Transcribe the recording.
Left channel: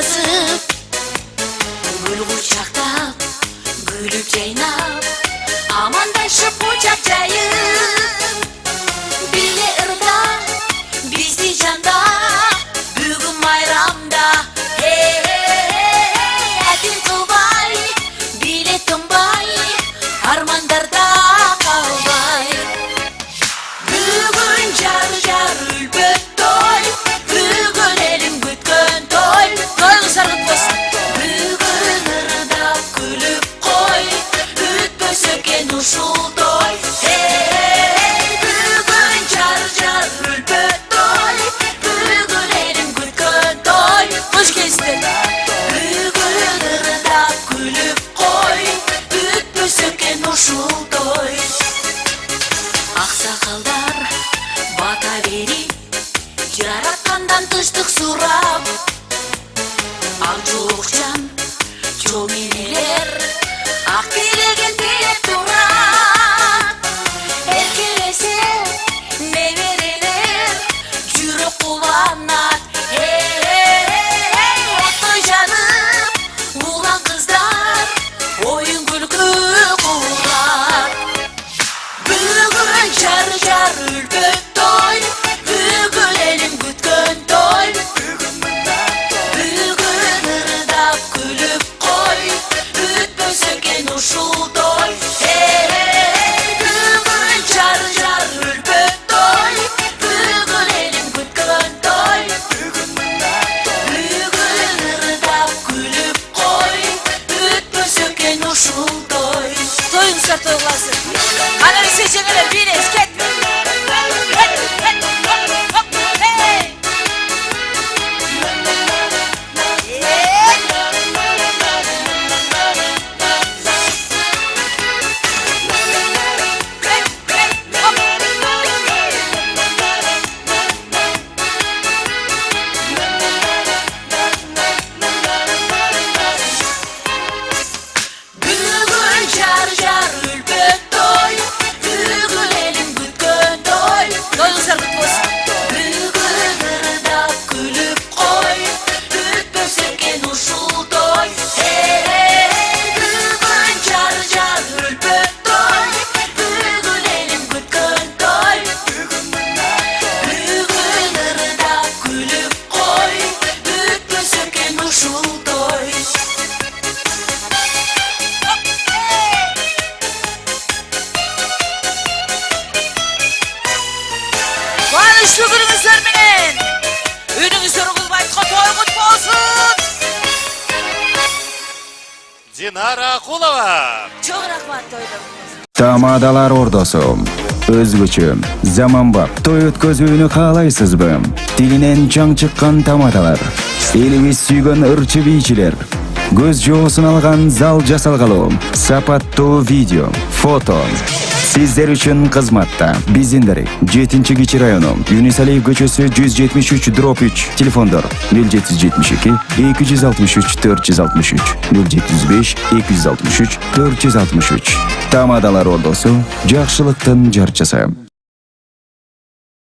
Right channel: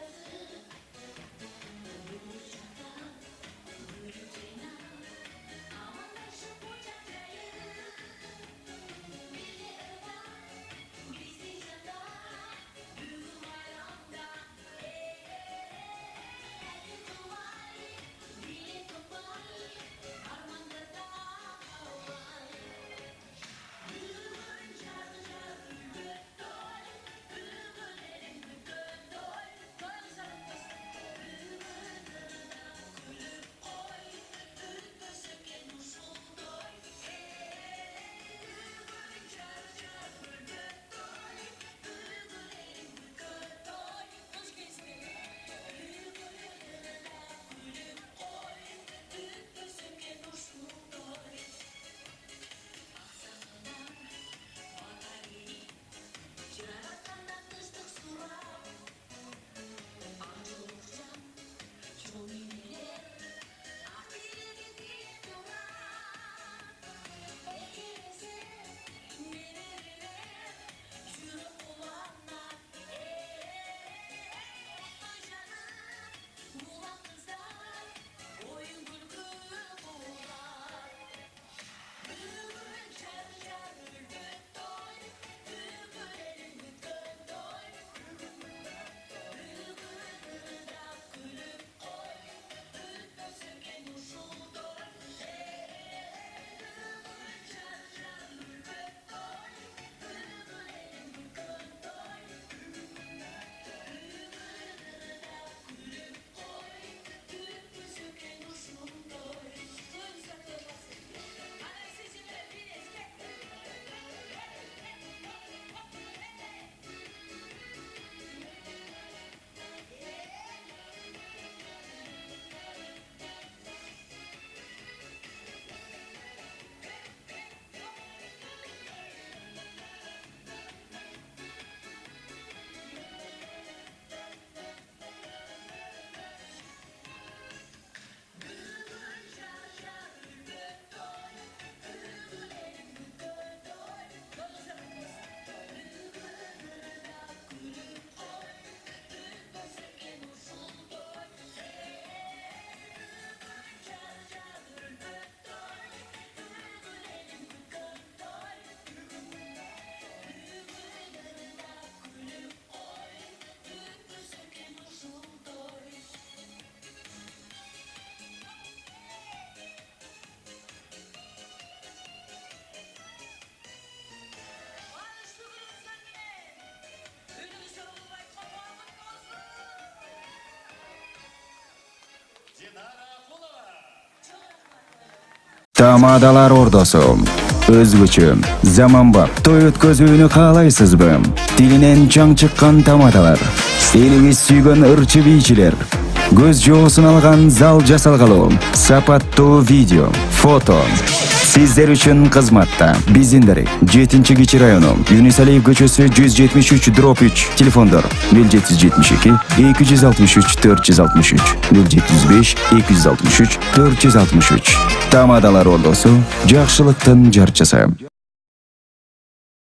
жазып, гүл кучактап, күлүп жайнап, амандашып кучак жайып, биле ырда, бизди жанда, бүгүн майрамда, әдил кылбай, биле тынбай, армандарда калбай. Бүгүн жар үлбөт той, бүгүн элим күткөн той, тойуңуз аргыт болсун. Бүгүн ырдап күлүп кой, өтпөсө экен ушул той. Бүгүн жар үлбөт той, бүгүн элим күткөн той. Кош келиңиздер. Бүгүн ырдап күлүп кой, өтпөсө экен ушул той. Аксакалдар бата берип, жараткандан тынчтык сурап, ак жуукчан чоң энелер ак тилеген тилеп турат. Эркелесе неберелер жүрөк кубанат. Оттой жанып улан кыздар оюн күлкү курат. Бүгүн жар үлбөт той, бүгүн элим күткөн той. Бүгүн ырдап күлүп кой, өтпөсө экен ушул той. Бүгүн жар үлбөт той, бүгүн элим күткөн той. Бүгүн ырдап күлүп кой, өтпөсө экен ушул той. Тоюңуздар той кыласыз. Ana seçenler bir esket. Бүгүn жар үлбөт той, бүгүн элим күткөн той. Тоюңуздар кут болсун. Бүгүн ырдап күлүп кой, өтпөсө экен ушул той. Бүгүн жар үлбөт той, бүгүн элим күткөн той. Бүгүн ырдап күлүп кой, өтпөсө экен ушул той. Кубанычтуу күнүңүздөр менен үнүңүздөр угулбай той кут болсун. Динара Кулова. Чоң рахмат тойлоруңуз. Тамадалар ордосу өзгөчө заманбап той өткөзүүнү каалайсызбы? Тилинен чаң чыккан тамадалар, элибиз сүйгөн ырчы бийчилер, көз жоосун алган зал жасалгалуу, сапаттуу видео, фото сиздер үчүн кызматта. Биздин дарек 7-Кичи району, Юнус Алиев көчөсү 173/3, телефондор 0772 263 463, 075 263 463. Тамадалар ордосу, жакшылыктын жарчысы.